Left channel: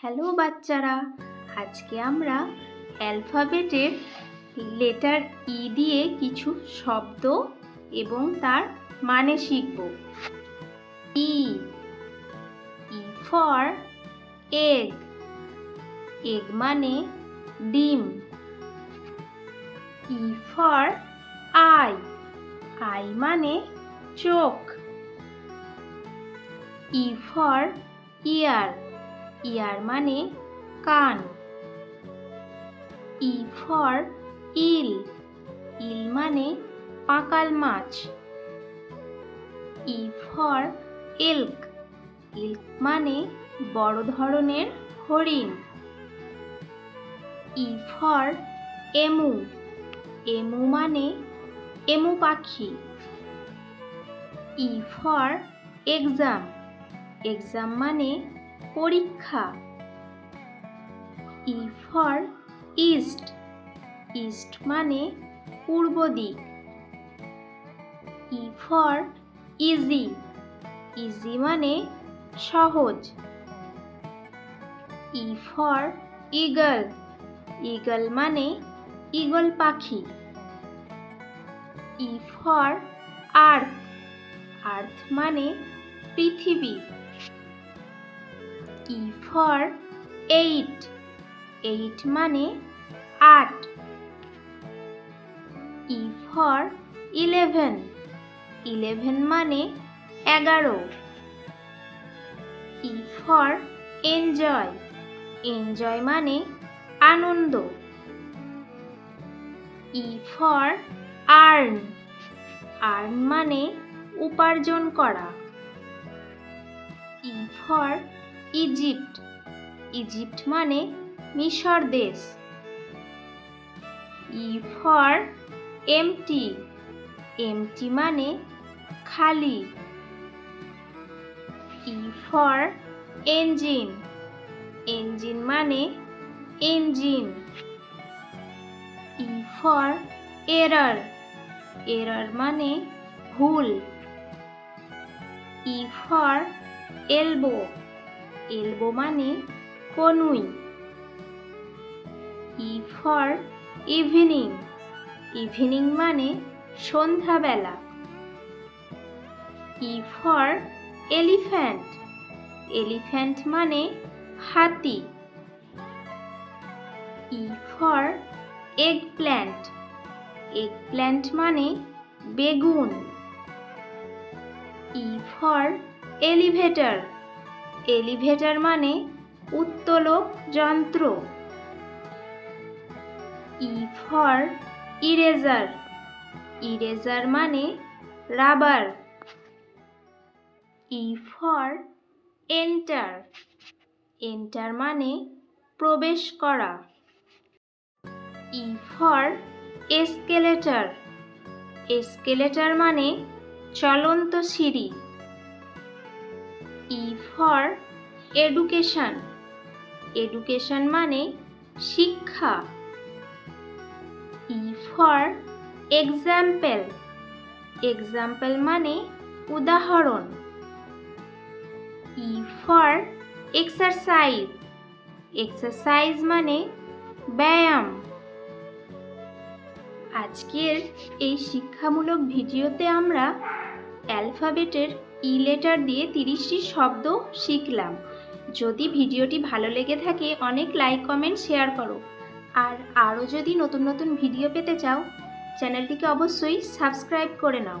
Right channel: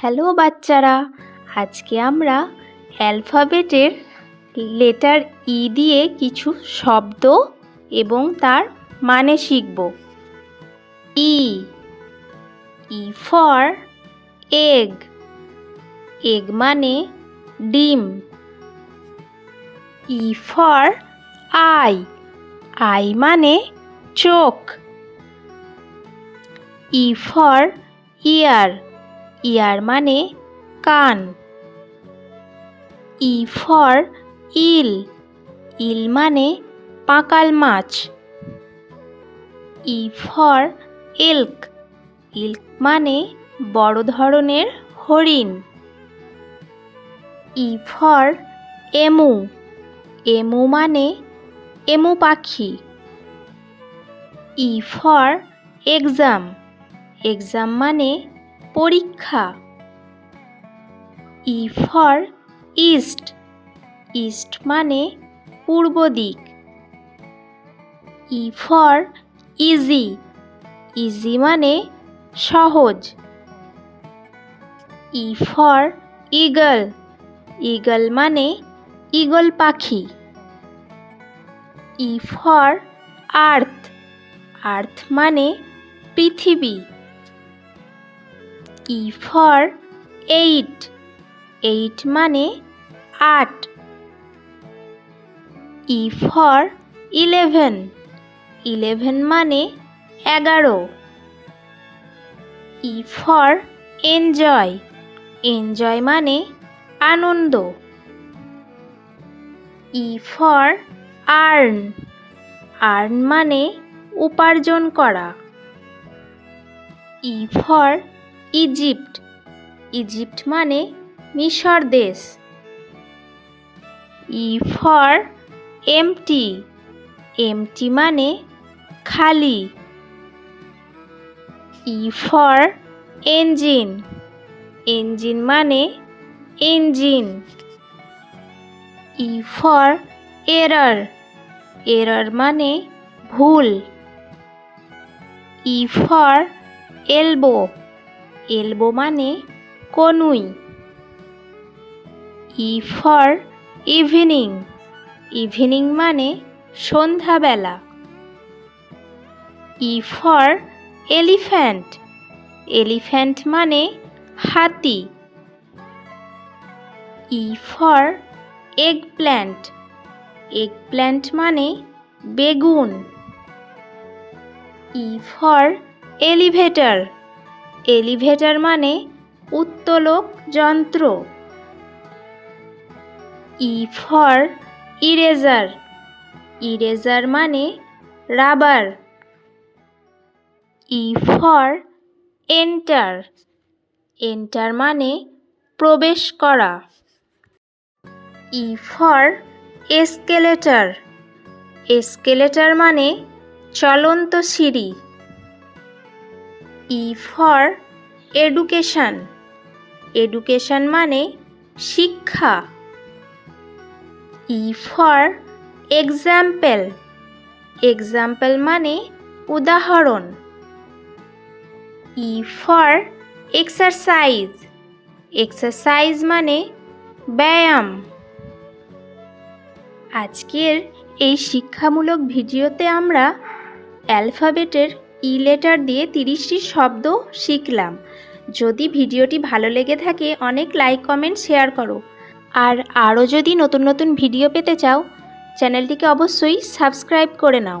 Hello বাচ্চারা, আজকে আমরা অ্যালফাবেটের লেটার ই দিয়ে কিছু শব্দ এবং তার মানে শিখব। ই ই ফর এগ, এগ মানে ডিম। ই ফর আই, আই মানে চোখ। ই ফর ইয়ার, ইয়ার মানে কান। ই ফর ইল, ইল মানে পাকাল মাছ। ই ফর ইল্ক, ইল্ক মানে বড় ধরনের হরিণ। ই ফর এমু, এমু মানে এমু পাখি। ই ফর এক্সাম, এক্সাম মানে পরীক্ষা। ই ফর ইস্ট, ইস্ট মানে পূর্ব দিক। ই ফর ইজি, ইজি মানে সহজ। ই ফর ইগল, ইগল মানে ঈগল পাখি। ই ফর আর্থ, আর্থ মানে পৃথিবী। ই ফর এইট, এইট মানে আট। ই ফর ইলেভেন, ইলেভেন মানে 11। ই ফর এনজয়, এনজয় মানে আনন্দ। ই ফর আর্ন, আর্ন মানে উপার্জন করা। ই ফর ইজিপ্ট, ইজিপ্ট মানে মিশর দেশ। ই ফর এমটি, এমটি মানে খালি। ই ফর ইঞ্জিন, ইঞ্জিন মানে engine. E for error, error মানে ভুল। ই ফর এলবো, এলবো মানে কনুই। ই ফর ইভিনিং, ইভিনিং মানে সন্ধ্যাবেলা। ই ফর এলিফ্যান্ট, এলিফ্যান্ট মানে হাতি। ই ফর এগপ্ল্যান্ট, এগপ্ল্যান্ট মানে বেগুন। ই ফর এলিভেটর, এলিভেটর মানে উত্তোলক যন্ত্র। ই ফর ইরেজার, ইরেজার মানে rubber. E for enter, enter মানে প্রবেশ করা। ই ফর এসকেলেটর, এসকেলেটর মানে চলন্ত সিঁড়ি। ই ফর এডুকেশন, এডুকেশন মানে শিক্ষা। ই ফর এক্সাম্পল, এক্সাম্পল মানে উদাহরণ। ই ফর এক্সারসাইজ, এক্সারসাইজ মানে ব্যায়াম। আজকের এই শিক্ষামূলক ভিডিওতে আমরা অ্যালফাবেটের ই লেটার দিয়ে 30টি শব্দ শিখলাম। যদি ভিডিওটি ভালো লেগে থাকে অনেক লাইক কমেন্ট শেয়ার করো। আর আরও যদি নতুন নতুন ভিডিও পেতে চাও চ্যানেলটিকে অবশ্যই সাবস্ক্রাইব করে নাও।